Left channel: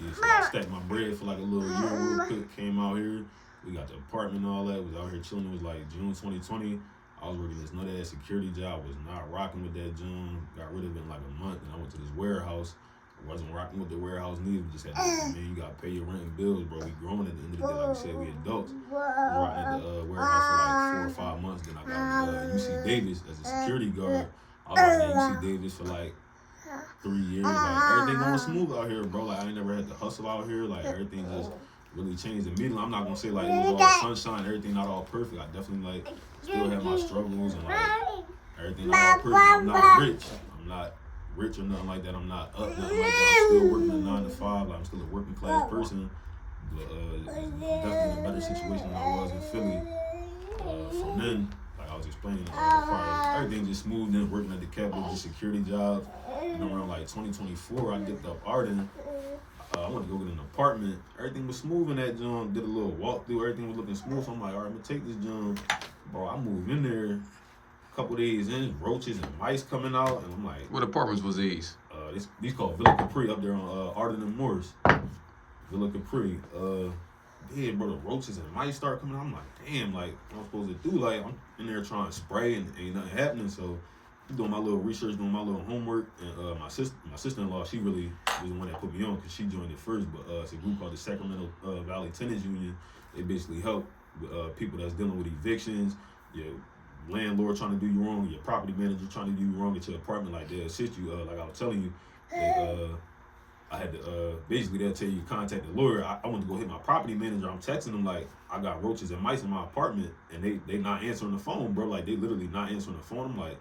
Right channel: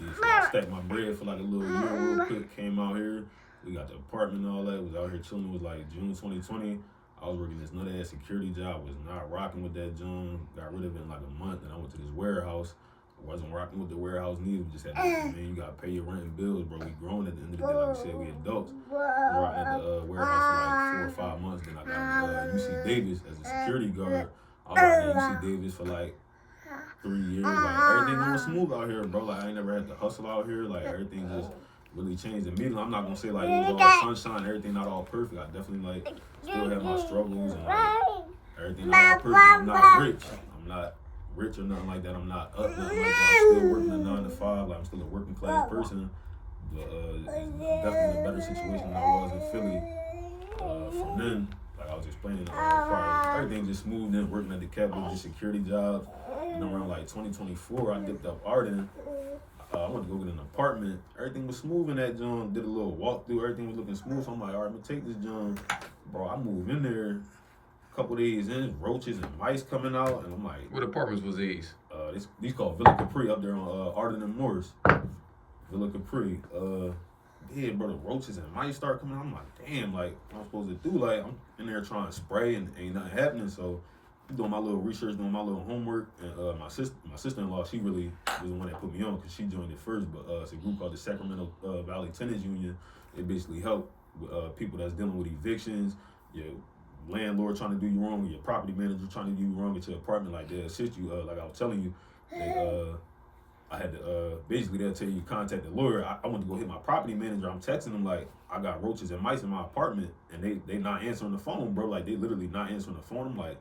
Yeah, so I stacked my bread for like a little year real quick. Came out here. We got the apartment and all that. Was out here chilling. It was like June 2020. I was working this nut ass security job. Was not rocking with that job. Got rid of it in like a month. And I went to this warehouse. Wasn't rocking with the warehouse neither. Just had to, man, you gotta pay your rent and bills, bro. We grown at the end of the day. Like we said, we adults. Was rocking at the warehouse for like 4 or 5 months. Then I got UC Davis as a security guard. I was out at UC Davis for like 3 years. Like everything going smooth out here, bro. Like I ain't never had to hustle out here. Like everything just really changed immediately. I'm not gonna say like it was all sunshine, everything not all perfect. I definitely like still have my struggles and like everything not all perfect. I'm not rich. I'm not rich or nothing like that. I'm not up nothing like that. I'm still working a 9 to 5. Like I'm still a working class person. But definitely in a better situation than I was in Philly. From then, like I was explaining, everything just smooth in, working at the Capitol, just security jobs. And around like 2024, I dipped up Arden. I went to go get an apartment. Everything was smooth in that joint. Did a little walkthrough. Everything was looking smooth. So I'm like, all right, I'm gonna take this joint. Bro, I moved in there. A couple days in, roaches and mice coming out, and I'm like, what apartments was these? These called Villa Capri up there on Arden and Morris. Villa Capri. Yeah, bro, the roaches and mice start coming out. I'm like, damn, like, what I'm supposed to do? Like, I'm in there trying to spray and ain't nothing happening. So I'm doing my little research, doing my little homework, and my sister-in-law, she really was the one that put me on because she joined it first. But it's a group called the Sacramento Valley Tenants Union. They basically help people that's dealing with evictions, your landlord trying to do you wrong, your property manager trying to do you wrong at your apartment. Like they assist you. Like I was telling you, I had to basically they'll tell you contact the lawyer. I went to go hit my property manager. I'm texting them like I got roaches and mice in my apartment, and they not answering the phone, bro. Like they literally not answering the phone. I'm like,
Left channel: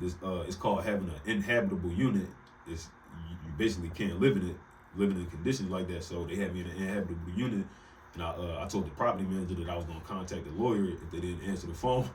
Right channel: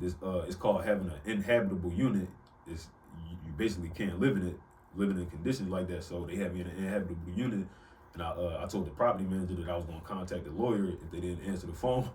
this it's called having an inhabitable unit. It's you basically can't live in it, living in conditions like that. So they had me in an inhabitable unit, and I told the property manager that I was gonna contact the lawyer if they didn't answer the phone.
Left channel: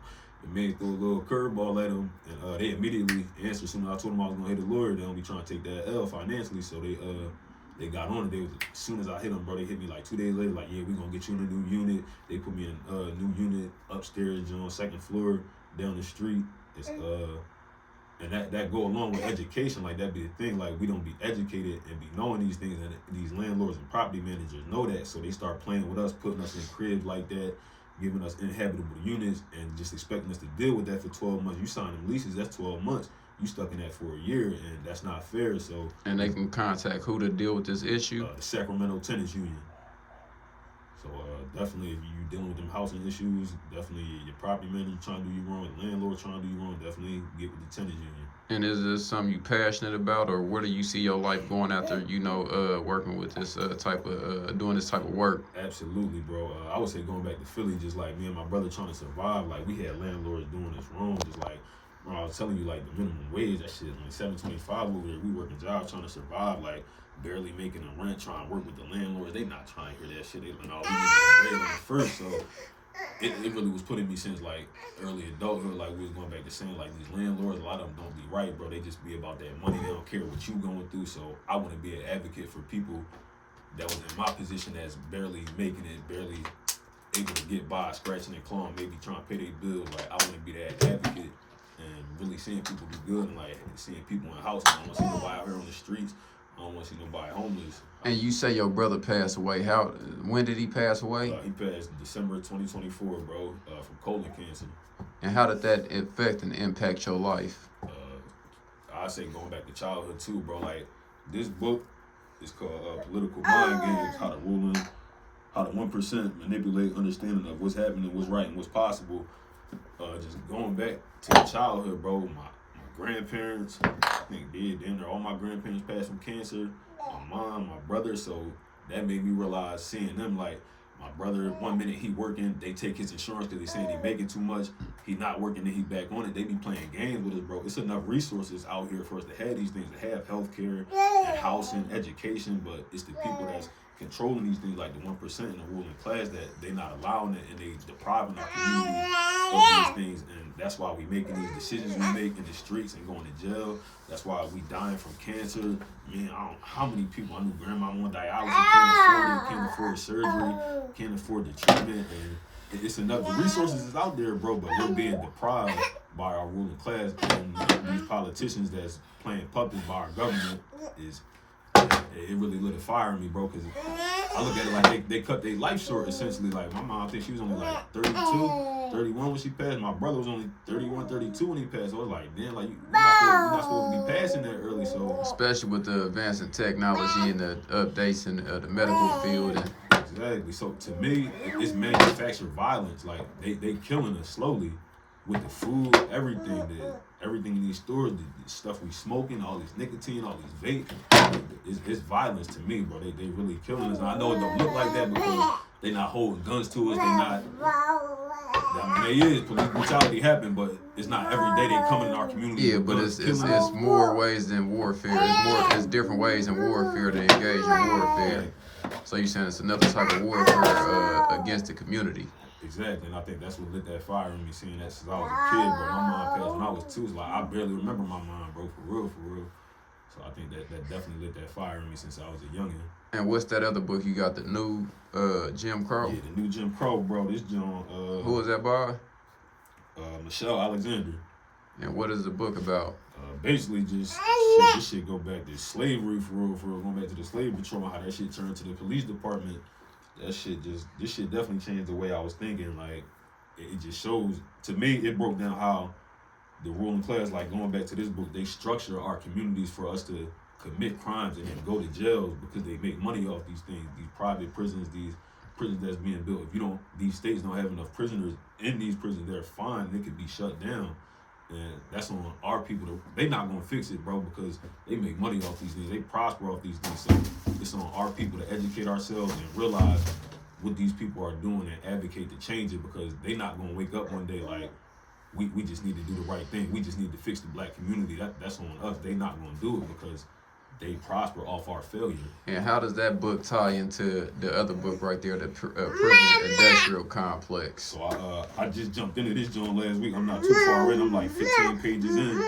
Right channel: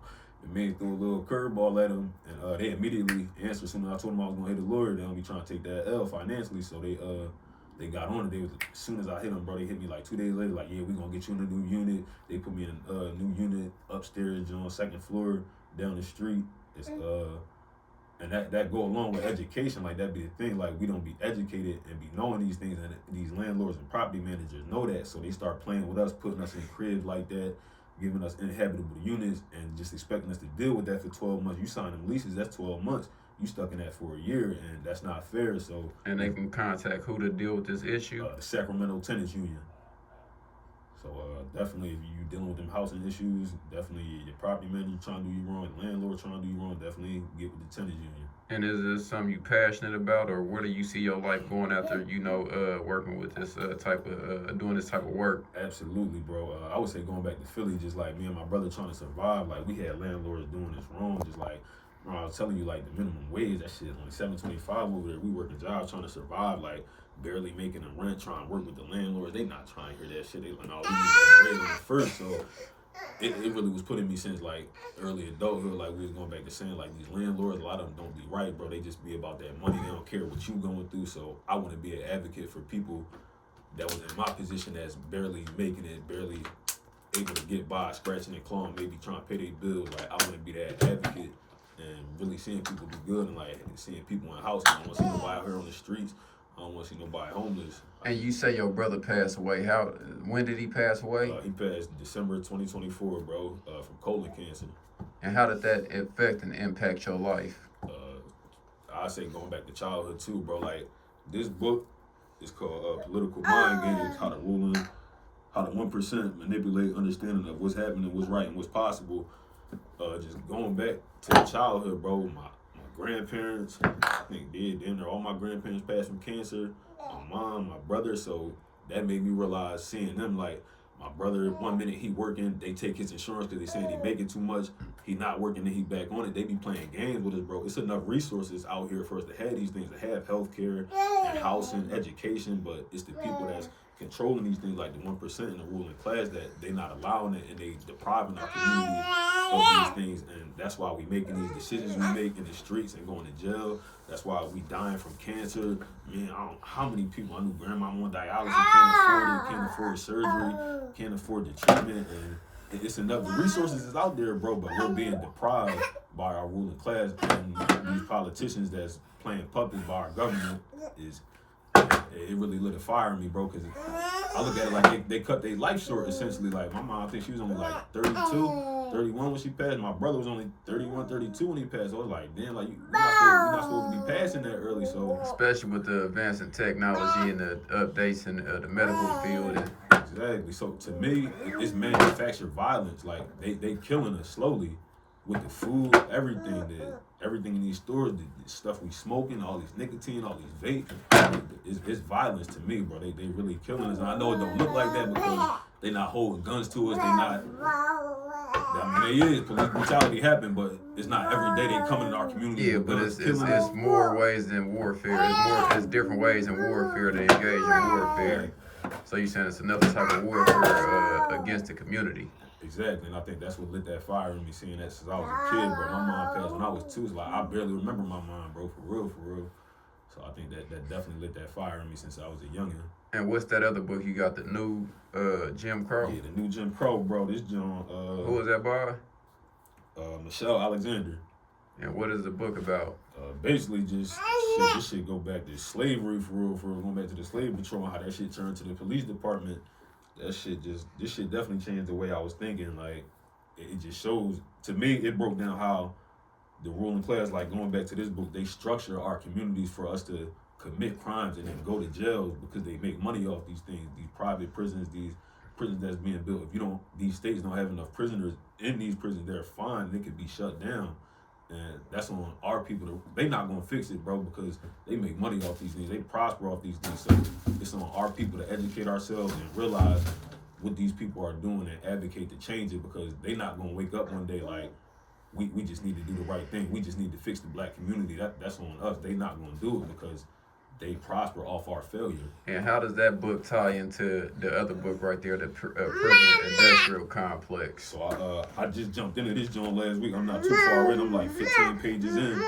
The man threw a little curveball at them, and they immediately answered. As soon as I told them I was gonna hit the lawyer, they don't be trying to take that L financially. So they got on it. As soon as I hit them, bro, they hit me like 2 days later. Like, yeah, we gonna get you in a new unit. They put me in a new unit upstairs, on 2nd floor, down the street. It's and that go along with education. Like that be the thing. Like we don't be educated and be knowing these things, and these landlords and property managers know that. So they start playing with us, putting us in cribs like that, giving us inhabitable units, and just expecting us to deal with that for 12 months. You sign them leases, that's 12 months. You stuck in that for a year, and that's not fair. So, and they can contact who to deal with this issue? The Sacramento Tenants Union. So definitely, if you dealing with them housing issues, definitely your property manager trying to do you wrong, the landlord trying to do you wrong, definitely get with the tenants union. And is this something you passionate about, or where do you see your life going after, working with this type of, doing this type of work? Absolutely, bro. I would say going back to Philly, just like me and my brother trying to survive, like we had landlords doing this wrong, just like, bro, I was telling you, like the minimum wage, that shit, only $7.25 over there. We working jobs trying to survive, like barely making a rent, trying to work with the landlords. They not trying to hear that shit. They like, no, we need that bread on the first. So it really was putting me since like early adulthood. Like we was going back to saying like these landlords, a lot of them don't be right, bro. They just be about that money. They don't care what you going through. So I want to be an advocate for people that was in my position that's barely making it, barely able to get by, scratching and clawing, maybe trying to pay their bills. Like I want to be that advocate and really seeing people do good and like seeing people in houses. I don't want to see nobody out here on the streets. I don't want to see nobody homeless. And you say your brother passed away. When did he pass away? He passed December 2024, bro, from colon cancer. And how did that affect and impact your life? I say going back to childhood too, bro. Like this book is called Political Mind Games: How the 1% manipulate understanding of what's happening, what's right, and what's possible. Just going back to childhood, bro. My grandparents, I think all my grandparents passed from cancer. My mom, my brother, so that made me realize seeing them, like my brother, 1 minute he working, they take his insurance because they saying he making too much. He not working, then he back on it. They be playing games with us, bro. It's enough resources out here for us to have these things, to have healthcare and housing, education, but it's the people that's controlling these things, like the 1% in the ruling class, that they not allowing it, and they depriving our community of these things. And that's why we making these decisions we make in the streets and going to jail. That's why we dying from cancer. Man, I don't know how many people. I knew grandma on dialysis, can't afford surgery, can't afford the treatment, and it's enough. The resources is out there, bro, but we're being deprived by our ruling class, and these politicians that's playing puppets by our government is it really lit a fire in me, bro. Cause I look at it like they cut their life short essentially. Like my mom, I think she was only like 32, 31 when she passed. My brother was only 31, 32 when he passed. So I was like, damn, like you're not supposed to be passing that early. So especially with the advance in technology and the updates in the medical field. And exactly. So to me, it's manufactured violence. Like they killing us slowly with the food, everything in these stores, the stuff we smoking, all this nicotine, all these vape. It's violence to me, bro. They really killing us. And I know it don't look like that because they not holding guns to us. They not. I mean, they is police brutality happen, but it's not every day they coming in our community. yeah, but it's more ways than warfare. It's different ways in warfare to engage in warfare. So you're saying it's another type of warfare against the community. Exactly, and I think that's what lit that fire in me, seeing that since I was a kid, bro. My mom passed when I was 2. It's like I barely remember my mom, bro, for real. So I think that definitely lit that fire in me since I was a youngin'. And what's that other book you got? The new Jim Crow? Yeah, the new Jim Crow, bro. This John. Who was that by? Michelle Alexander. And what is the book about? Basically, just this shit go back to slavery for real. Going back to the slave patrol and how that shit turned to the police department. This shit definitely changed the way I was thinking. Like, it just shows, to me, it broke down how the ruling class, like going back to this book, they structure our communities for us to commit crimes and then go to jails because they make money off these things, these private prisons, these prisons that's being built. If these states don't have enough prisoners in these prisons, they're fine, they could be shut down. And that's on our people. They not gonna fix it, bro, because they make money off these things. They prosper off these things. So it's on our people to educate ourselves and realize what these people are doing and advocate to change it, because they not gonna wake up one day like we just need to do the right thing. We just need to fix the black community. That's on us. They not gonna do it because they prosper off our failure. And how does that book tie into the other book right there, the prison industrial complex? So I just jumped into this joint last week. I'm not too far in. I'm like 15 pages in,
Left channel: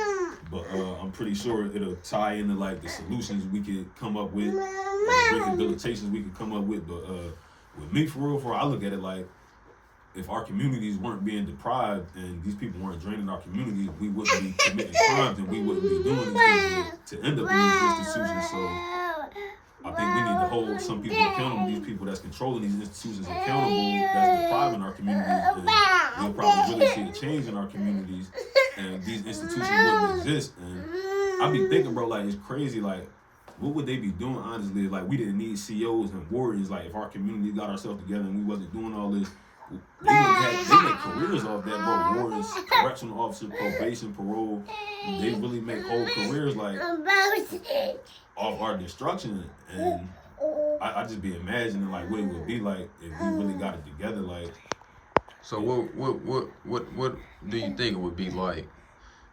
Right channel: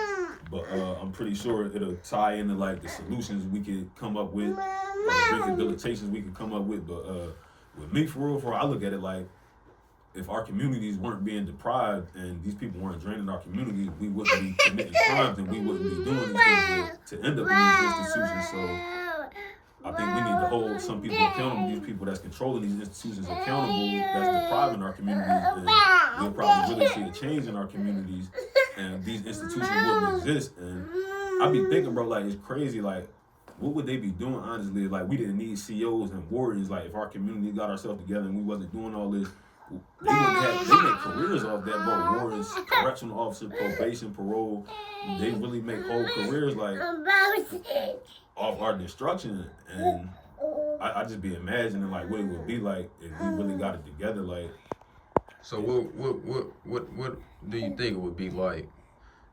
but I'm pretty sure it'll tie into like the solutions we could come up with, or the rehabilitations we could come up with. But with me, for real, I look at it like, if our communities weren't being deprived and these people weren't draining our communities, we wouldn't be committing crimes and we wouldn't be doing these things to end up in these institutions. So I think we need to hold some people accountable, these people that's controlling these institutions accountable, that's depriving our communities, and we'll probably really see a change in our communities and these institutions wouldn't exist. And I be thinking, bro, like, it's crazy, like, what would they be doing, honestly? Like, we didn't need COs and warriors. Like, if our community got ourselves together and we wasn't doing all this, they make careers off that, bro. Warrants, correctional officer, probation, parole. They really make whole careers, like, off our destruction. And I just be imagining, like, what it would be like if we really got it together. Like, so what do you think it would be like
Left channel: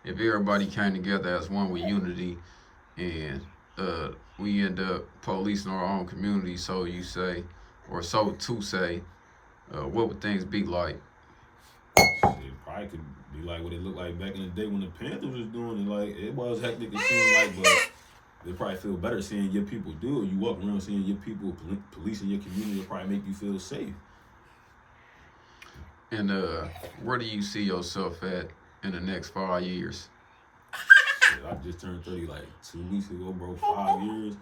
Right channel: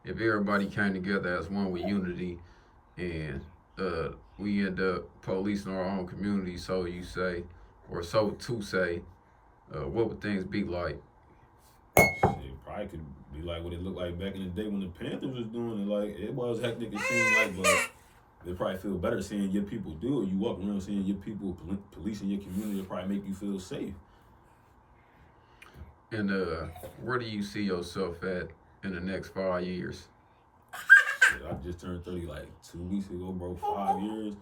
if everybody came together as one with unity, and we end up policing our own community, so you say, or so to say? What would things be like? It probably could be like what it looked like back in the day when the Panthers was doing it. Like, it was hectic, it seemed like, but it probably feel better seeing your people do it. You walk around seeing your people policing your community, it probably make you feel safe. And where do you see yourself at in the next 5 years? Shit, I just turned 30 like 2 weeks ago, bro. 5 years.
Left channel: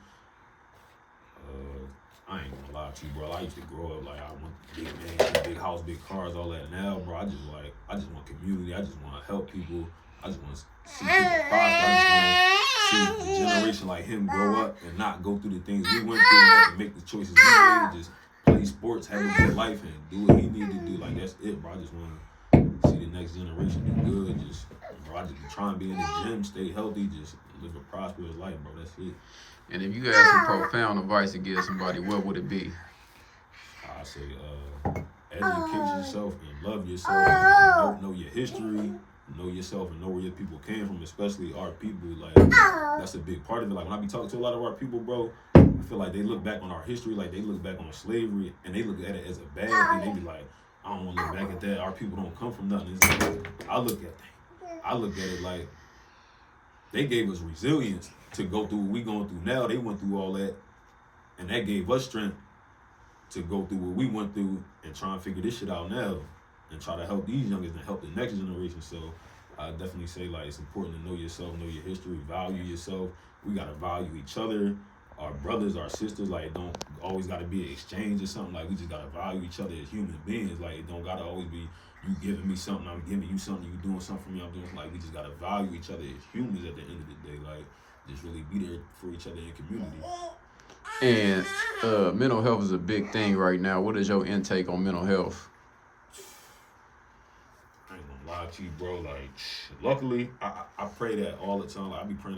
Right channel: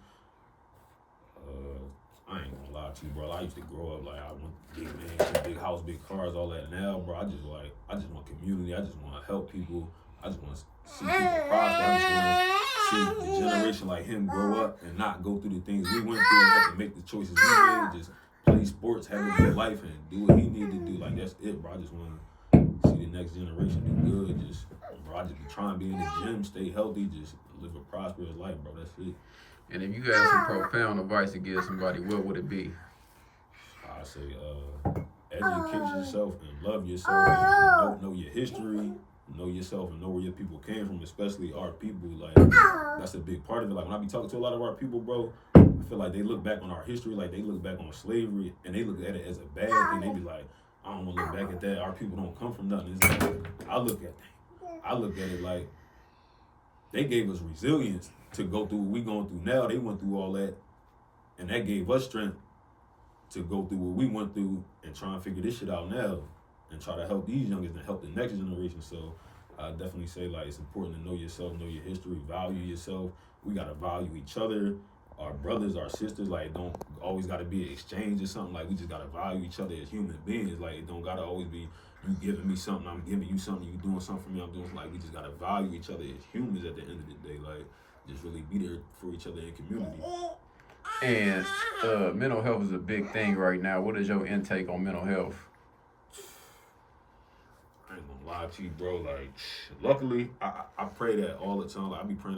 I ain't gonna lie to you, bro. I used to grow up like I want big man, big house, big cars, all that. Now, bro, I just want community. I just want to help people. I just want to see people prosper. I just want to see the generation like him grow up and not go through the things we went through and have to make the choices we made. Just play sports, have a good life, and do what he needed to do. Like, that's it, bro. I just want to see the next generation do good. Just, bro, I just be trying to be in the gym, stay healthy, just live a prosperous life, bro. That's it. And if you had some profound advice to give somebody, what would it be? I say, educate yourself and love yourself. Know your history, know yourself, and know where your people came from, especially our people. Like, that's a big part of it. Like, when I be talking to a lot of our people, bro, I feel like they look back on our history, like they look back on slavery, and they look at it as a bad thing. They be like, I don't want to look back at that. Our people don't come from nothing. It's like, I look at it like they gave us resilience to go through what we going through now. They went through all that, and that gave us strength to go through what we went through and try and figure this shit out now and try to help these youngins and help the next generation. So I definitely say, like, it's important to know yourself, know your history, value yourself. We got to value each other. our brothers, our sisters. Like, it don't always got to be an exchange or something. Like, we just got to value each other as human beings. Like, it don't got to always be you giving me something, I'm giving you something, you doing something for me, I'm doing something. Like, we just got to value each other as humans at the end of the day. Like, just really be there for each other in community. And mental health is a big thing right now. What is your intake on mental health? I ain't gonna lie to you, bro. Like, luckily, I pray that all the time. Like, I be praying